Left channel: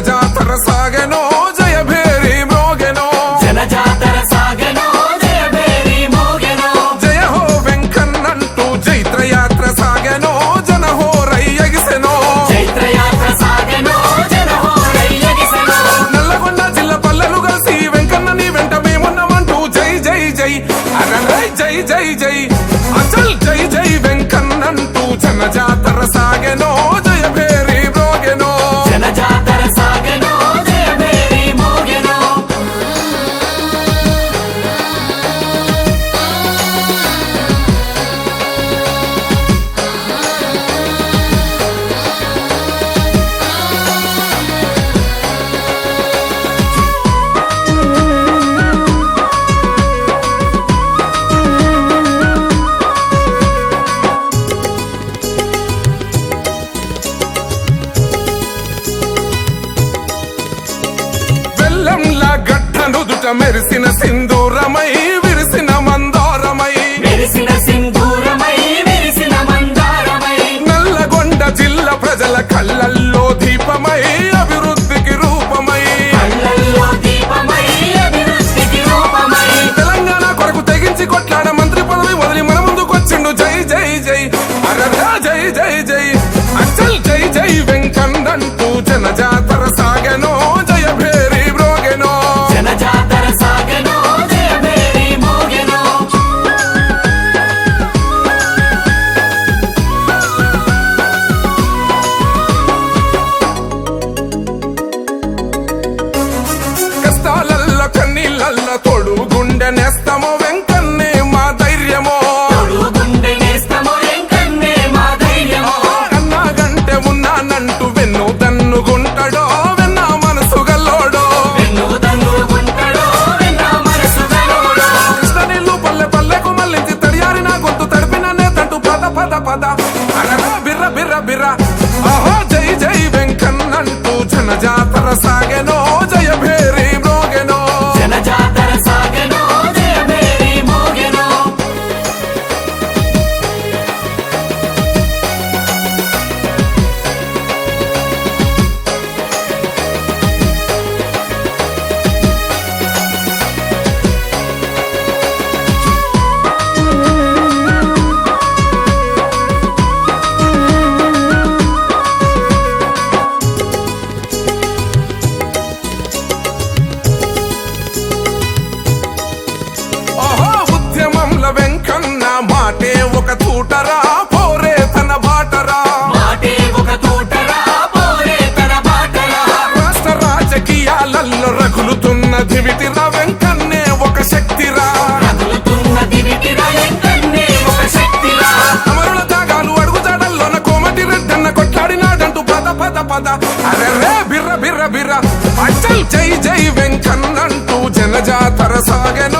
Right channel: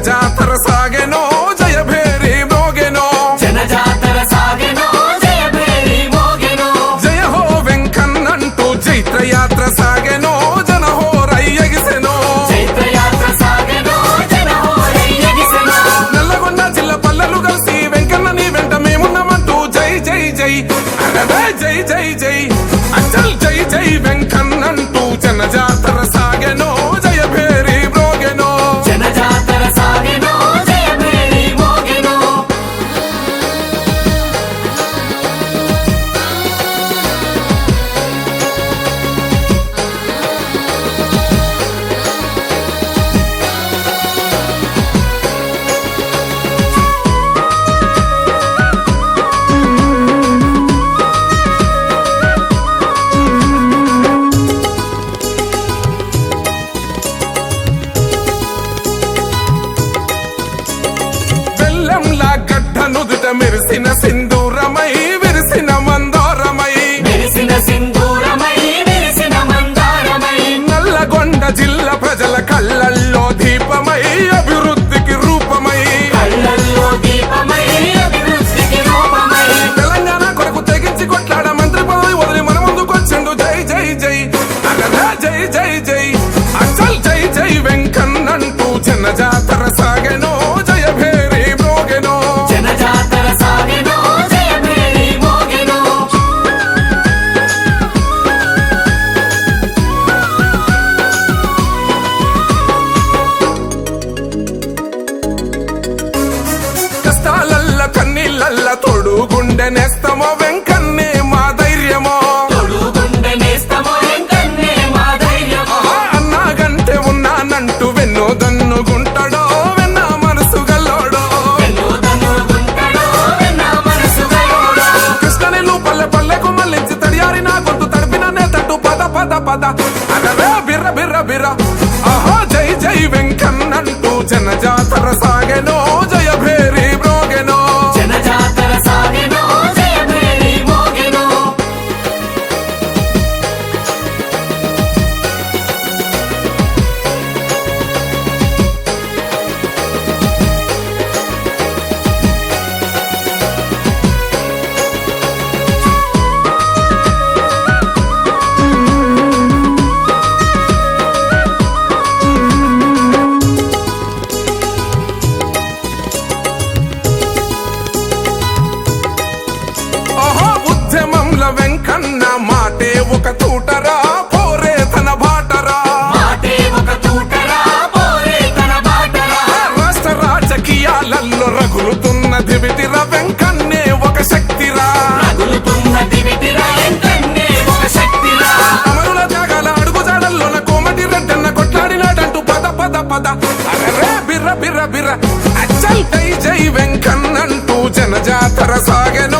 జనజాతర సాగెనో జయ భేరి మోగెనో జనజాతర సాగెనో జయ భేరి మోగెనో జయ హో వెంకన్నంటూ చైత్రయాత్ర సాగెనో జన హోరై ఎగిసెనో చైత్రయాత్ర సాగెనో జన హోరై ఎగిసెనో నల్లగొండ జిల్లా పల్లెలు కలిసి వెంకన్న నీ వెంట మేమున్నామంటూ జై జై జై అరే జై జై జై అచల్ జై జై వెంకన్నంటూ జనజాతర సాగెనో జయ భేరి మోగెనో జనజాతర సాగెనో జయ భేరి మోగెనో బెల్లంలా గడ్డనుదుట మెరిసిన సింధూరమై విరిసిన మందారమై మెరిసిన సింధూరమై విరిసిన మందారమై నల్లగొండ జిల్లా ప్రజల కళ్ళల్లో దీపమై అభివృద్ధికి రూపమై కళ్ళల్లో దీపమై అభివృద్ధికి రూపమై తెలంగాణ కొరకు తెగించి కొట్లాడ మంత్రి పదవి వదిలి మన ముందుకొచ్చిండు జై జై జై అగదా జై జై జై అచల్ జై జై వెంకన్నంటూ జనజాతర సాగెనో జయ భేరి మోగెనో జనజాతర సాగెనో జయ భేరి మోగెనో కష్టాలల్ల కన్నీళ్ళల్ల తోడు గుండె నేస్తమో వెంకన్నే మా ధైర్యమో గుండె నేస్తమో వెంకన్నే మా ధైర్యమో అన్నాగంటే ఉన్నానంటూ వెన్ను దన్నుగుంటాడో వెన్న మనసు గల్లోడో వెన్నుదన్ను గుంటడో వెన్న మనసు గలోడో కృష్ణవేలు పల్లె పల్లెకు మళ్ళించి తడియారి నా గొంతు తడిపిన నేతడు పద పద పద అరే బిర బిర బిర ఆహో జై జై వెంకన్నంటూ జనజాతర సాగెనో జయ భేరి మోగెనో జనజాతర సాగెనో జయ భేరి మోగెనో ఆహో ఉద్యమంల వెంకన్న మాటే ఒక తూటరా పోరే తన బాటరా మాటే ఒక తూటరా పోరే తన బాటరా రాష్ట్ర రాజకీయాలలో రగులుతున్న దివిటిరా వెంకన్నే ఒక శక్తిరా రగులుతున్న దివిటిరా వెంకన్నే ఒక శక్తిరా అమరుల దాగాలు అడుగుదాడల్లోన కోమటి రెడ్డన్న కొట్లాడినాడంటూ పద పద పద అరే రే బిర్ర బిర్ర బిర్ర అచల్ జై జై వెంకన్నంటూ జనజాతర సాగెనో